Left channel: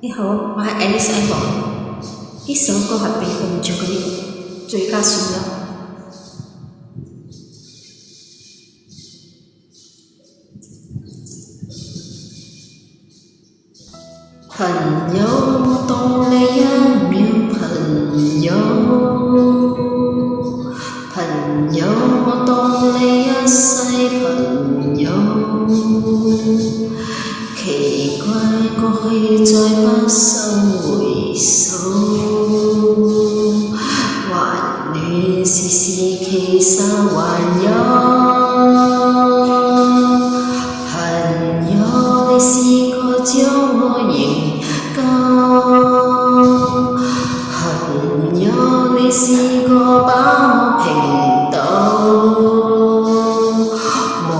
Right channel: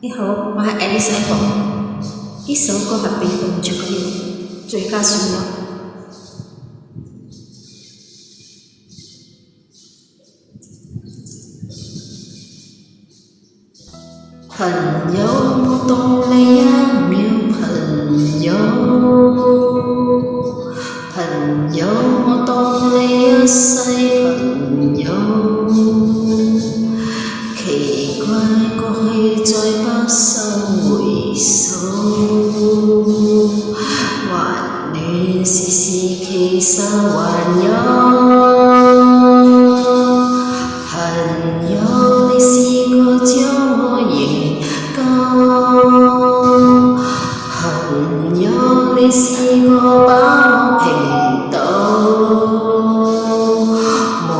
你好，我係 Alice Ivor。呢首歌係被動唱嘅最佳旋律。朋友，我當你一秒朋友，朋友，我當你一世朋友。奇怪，過去再不收回首，還戀時時其實還有。朋友，你試過將我營救，朋友，你試過把我平倒，無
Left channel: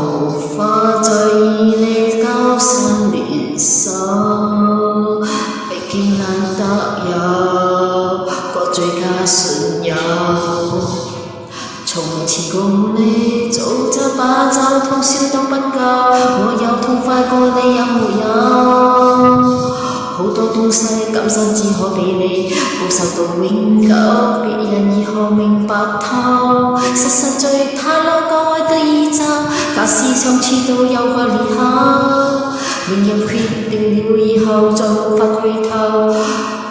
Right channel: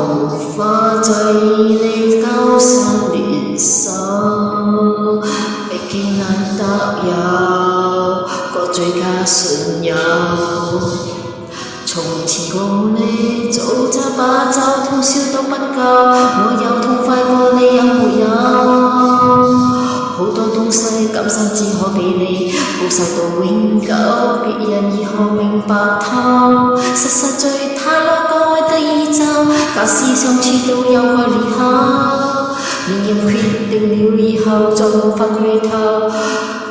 法再以你交心聯手，畢竟難得有個最佳損友。從前共你早走把酒通宵都不夠，我有痛快過你有沒有？好多東西今生只可俾你報仇到永久，別人如何明白透？實在太多個愛得意咒，假使相處都有個裂口，明人決定了以後再無法回頭。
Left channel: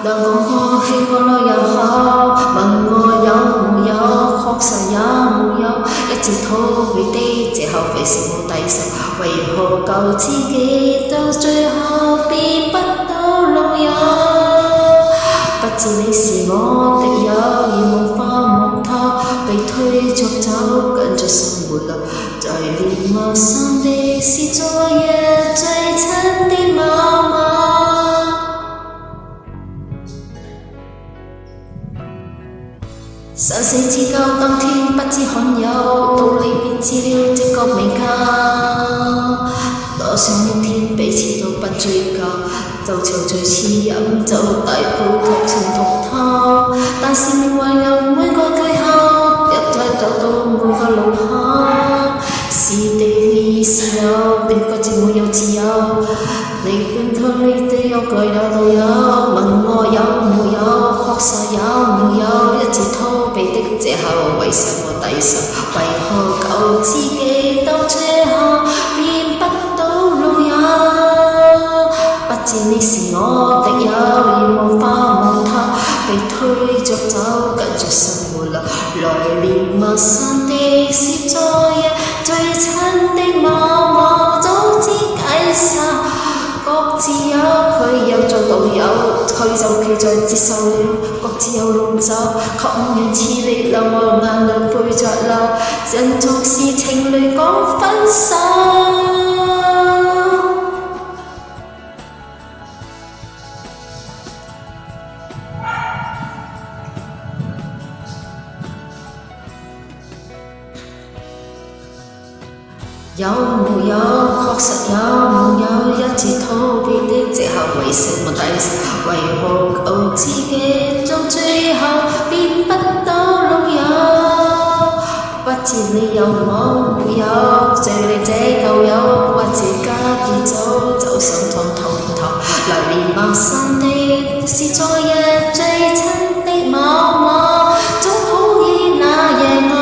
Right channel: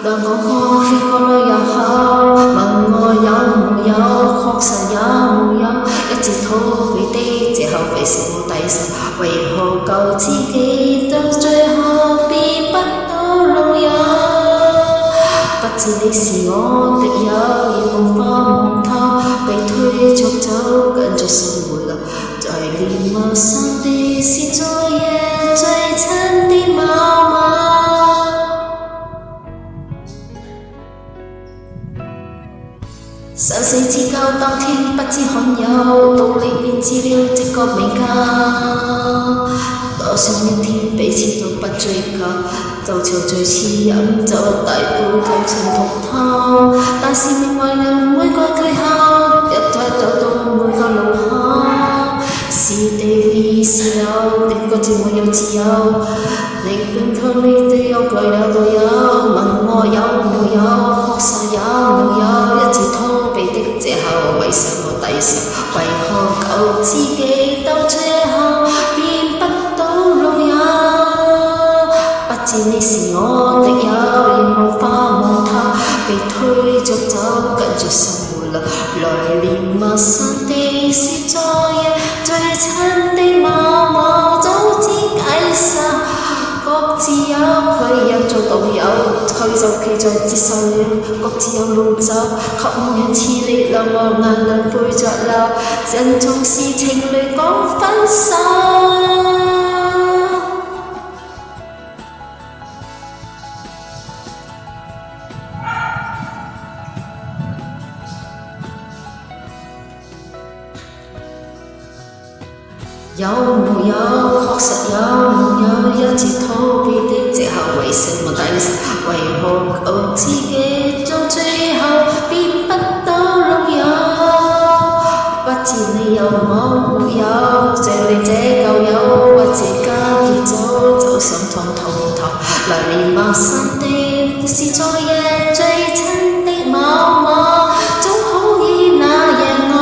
但講過氣過了又好，問我有沒有，確實有沒有，一直逃避的藉口為什麼抵受？為何救自己到最後變不到老友？不知你是我的友，而無法望透，被推着走，跟着生活啦。在連陌生的是昨夜最親的某某。生死之交，當天不知罕有，到你便知了直覺未夠。多想一天彼此都不追究，就潮醉似飲酒大杯劇情通透。但是命運有每個句號，一睇走到每個路口，是地是友，你各自沒有自由。你本透你的有句了都有，問我有沒有，確實有沒有，一直逃避的藉口，為什麼抵受？為何救自己到最後變不到老友？不知你是我的友，而無法望透，被推着走，跟着生活啦。來年陌生的是昨夜最親的某某，早知解散。各自有佢有做導友，佢就企在接受了，各自有路走，渴望人似你兩我眼淚背着流，人總是情侶講分手。有沒有？確實有沒有？一直逃避的藉口，為什麼抵受？為何救自己到最後變不到老友？不知你有冇沒有？這你這舊友，或者家己走心痛痛痛。來年陌生的是昨夜最親的某某，總好於那夜我。